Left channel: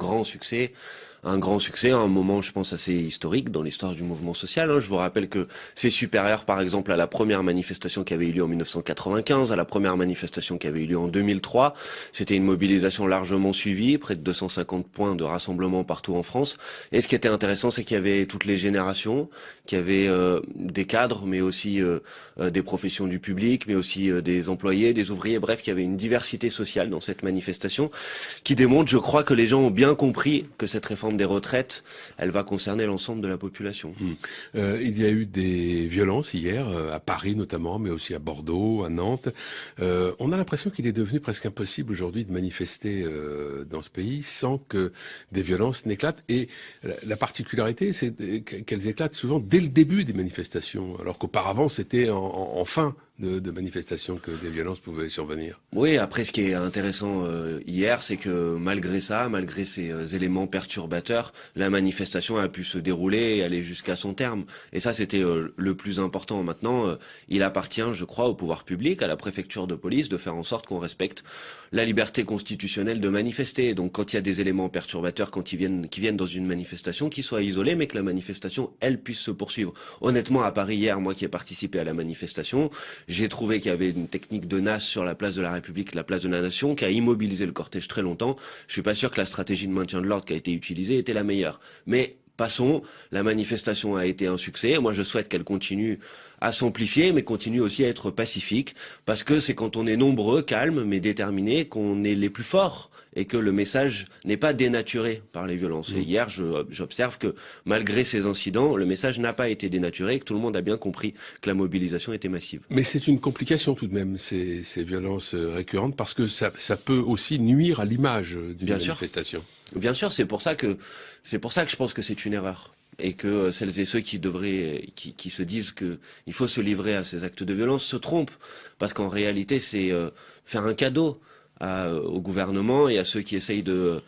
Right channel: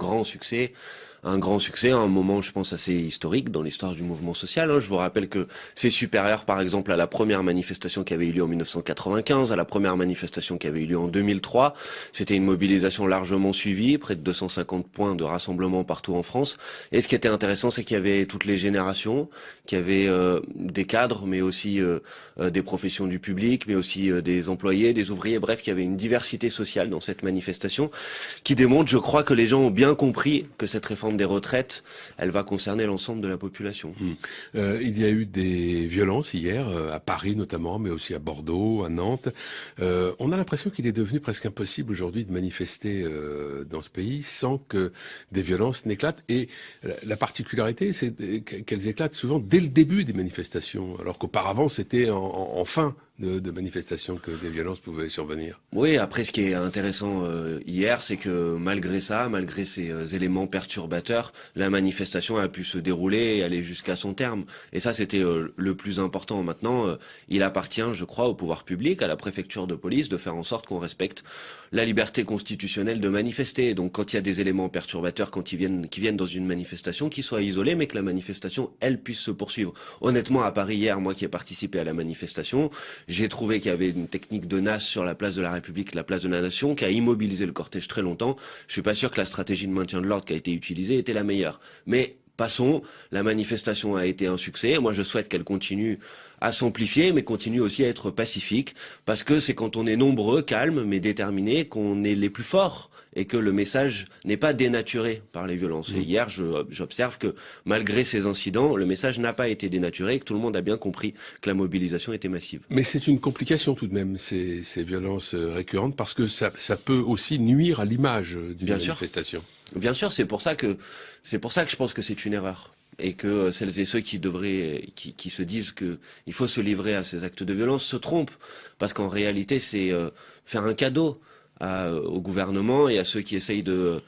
Un grand succès, un moment, je pense, assez historique dans l'histoire du mouvement social. Je vous rappelle que c'est supérieur, par exemple, à la première manifestation qui avait eu lieu en 1995, à la première manifestation qui avait eu lieu en 2003. C'était une mobilisation largement suivie, près de 250 points de rassemblement partout en France. Et ce qui était intéressant, c'est qu'il y avait toutes les générations, qu'il y avait des cadres, mais aussi des professions du public, mais aussi des employés, des ouvriers. Bref, il y avait une diversité sociale dans cette manifestation qui démontre, je crois, que les gens ont bien compris que cette réforme des retraites, elle va concerner l'ensemble de la population. Il y a eu des violences hier, à Paris notamment, mais aussi à Bordeaux, à Nantes. On a l'impression qu'il est devenu presque impossible aujourd'hui de manifester dans ce pays sans que des violences n'éclatent. Et la particularité, c'est qu'elles éclatent souvent dès le début des manifestations, alors qu'auparavant, c'était en fin de manifestations que des violences pouvaient survenir. Oui, après, ce qui est intéressant hier, c'est que malgré ça, malgré ces éléments perturbateurs, la manifestation a pu se dérouler et aller jusqu'à son terme. Et ça, c'était le plus important. Maintenant, il appartient, je crois, au pouvoir public, à la préfecture de police, de faire en sorte qu'on respecte la liberté constitutionnelle de manifester. Donc, quand il y a des éléments perturbateurs, qui viennent dans une manifestation, qu'ils soient isolés, mais que la manifestation, elle, puisse se poursuivre. Honnêtement, à Paris hier, moi qui ai participé à la manifestation, j'ai trouvé qu'il y avait une technique de NAS sur la place de la République, la place de la Nation, qui a immobilisé le cortège très longtemps. Je suis pas sûr que la stratégie de maintien de l'ordre qui a été utilisée était la meilleure. Mais passons, la manifestation a été un succès. Moi, je souhaite qu'elle continue à s'amplifier, mais continue aussi à être pacifique, parce que c'est quand on est nombreux, calmes, mais déterminés, qu'on est les plus forts, et que le message n'est pas dénaturé par les violences. Et hier, j'observe que malgré ces incidents, le message n'a pas été dénaturé, et que tout le monde a bien compris que la mobilisation était massive. Mais c'est une complication tout de même, ces violences récurrentes, parce que ça peut aussi nuire à l'image d'une manifestation. Bien sûr, c'est pour ça que je pense que c'est une erreur. Et que celles et ceux qui se disent qu'il faut se livrer à ces actes de violence se trompent. Parce qu'en réalité, c'est faire un cadeau au gouvernement et à ceux qui essayent de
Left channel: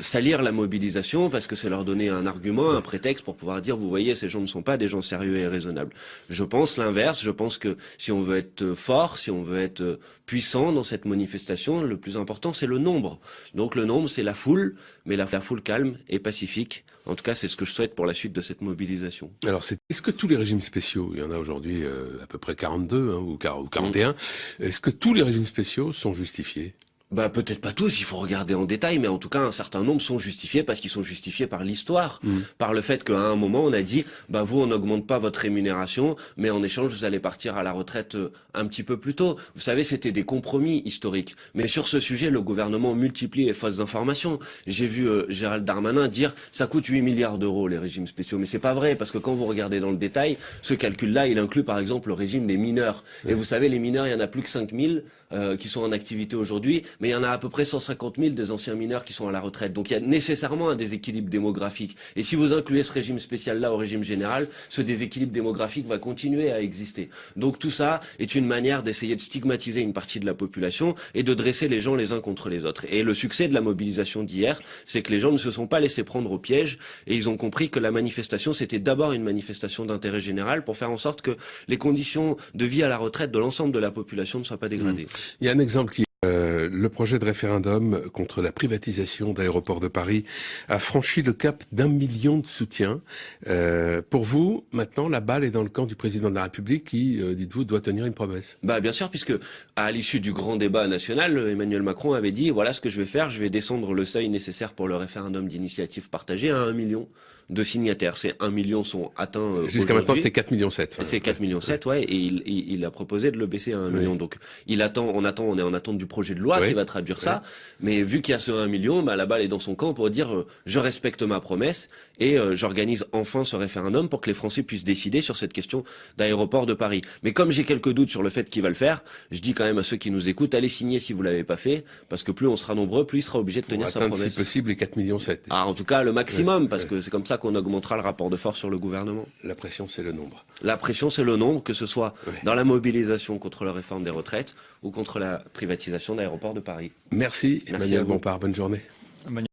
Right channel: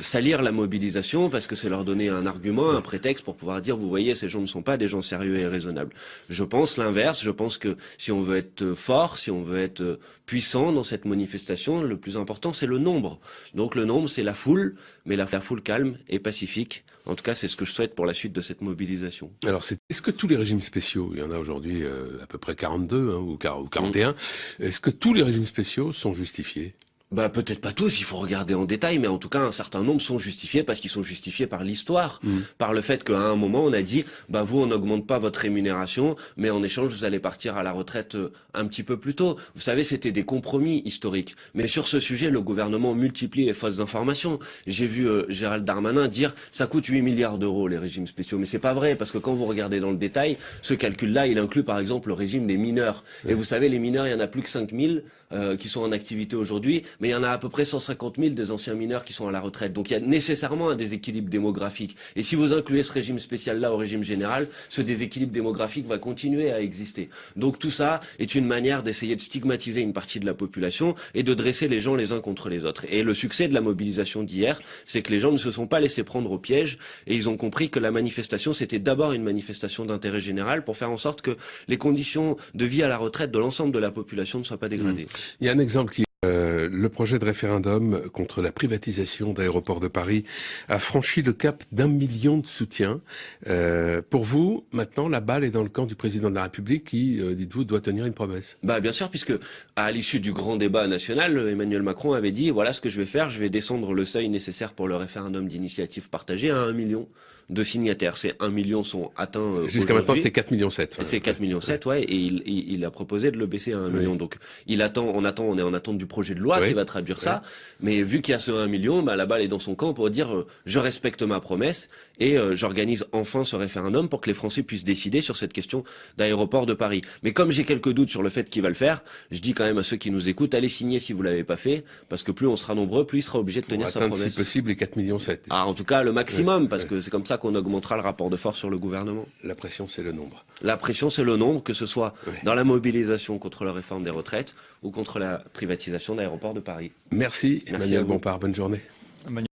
salir la mobilisation, parce que c'est leur donner un argument, un prétexte pour pouvoir dire, vous voyez, ces gens ne sont pas des gens sérieux et raisonnables. Je pense l'inverse. Je pense que si on veut être fort, si on veut être puissant dans cette manifestation, le plus important, c'est le nombre. Donc le nombre, c'est la foule, mais la foule calme et pacifique. En tout cas, c'est ce que je souhaite pour la suite de cette mobilisation. Alors, est-ce que tous les régimes spéciaux, il y en a aujourd'hui à peu près 42 ou 41, est-ce que tous les régimes spéciaux sont justifiés ? Peut-être pas tous, il faut regarder en détail, mais en tout cas, un certain nombre sont justifiés parce qu'ils sont justifiés par l'histoire, par le fait qu'à un moment, on a dit, vous, on n'augmente pas votre rémunération, mais en échange, vous allez partir à la retraite un petit peu plus tôt. Vous savez, c'était des compromis historiques. Mais sur ce sujet, le gouvernement multiplie les fausses informations. J'ai vu Gérald Darmanin dire, ça coûte 8 milliards d'euros, les régimes spéciaux. Mais c'est pas vrai, parce que quand vous regardez dans le détail, ce calcul-là, il inclut par exemple le régime des mineurs. Et vous savez, les mineurs, il y en a plus que 5000 qui sont en activité aujourd'hui, mais il y en a à peu près 150 000 des anciens mineurs qui sont à la retraite. Donc il y a nécessairement un déséquilibre démographique. Et si vous incluez ce régime spécial-là au régime général, ce déséquilibre démographique va continuer à exister. Donc tout ça est une manière d'essayer de stigmatiser une partie de la population et de dresser les gens les uns contre les autres. Et le succès de la mobilisation d'hier, c'est que les gens ne se sont pas laissés prendre au piège et ils ont compris que la manifestation, c'était d'abord une manifestation d'intérêt général pour faire en sorte que les conditions de vie à la retraite de l'ensemble de la population ne soient pas dégradées. Il y a un exemple qui le projet de référendum contre la privatisation d'Aéroports de Paris a franchi le cap d'1 million de soutiens. Pour vous, maintenant, la balle est dans le camp du président de la République qui, dites-vous, doit tenir une promesse. Bien sûr, puisque à l'issue du grand débat national, Emmanuel Macron avait dit, voilà ce que je vais faire, je vais descendre le seuil nécessaire pour le référendum d'initiative partagée à 1 million de signataires. Ces 1 million sont atteints jusqu'à maintenant, c'était 4,7 millions. C'est 4,7 millions, ouais, et il a proposé de le baisser à 1 million. Donc, on est en attente du projet de loi qui va traduire ça. Mais vu qu'il y a ce 1 million, la balle est dans son camp pour dire, je respecte ma promesse et j'organise enfin ce référendum pour que les Français puissent décider sur cette question d'aéroport de Paris. Mais comme j'ai quelques doutes sur le fait qu'il va le faire, je dis quand même à ceux qui nous écoutent, allez signer si vous l'avez pas fait, parce que plus on sera nombreux, plus il sera obligé de tenir sa promesse. Si possible, les 4,7 millions. En tout cas, le maximum, parce que c'est comme ça qu'on augmentera le rapport de force sur le gouvernement. La pression, c'est le nombre. La pression, c'est le nombre, que ce soit dans la mobilisation contre la réforme des retraites ou contre la privatisation d'Aéroports de Paris. Merci Emmanuel Bompard, bonne journée.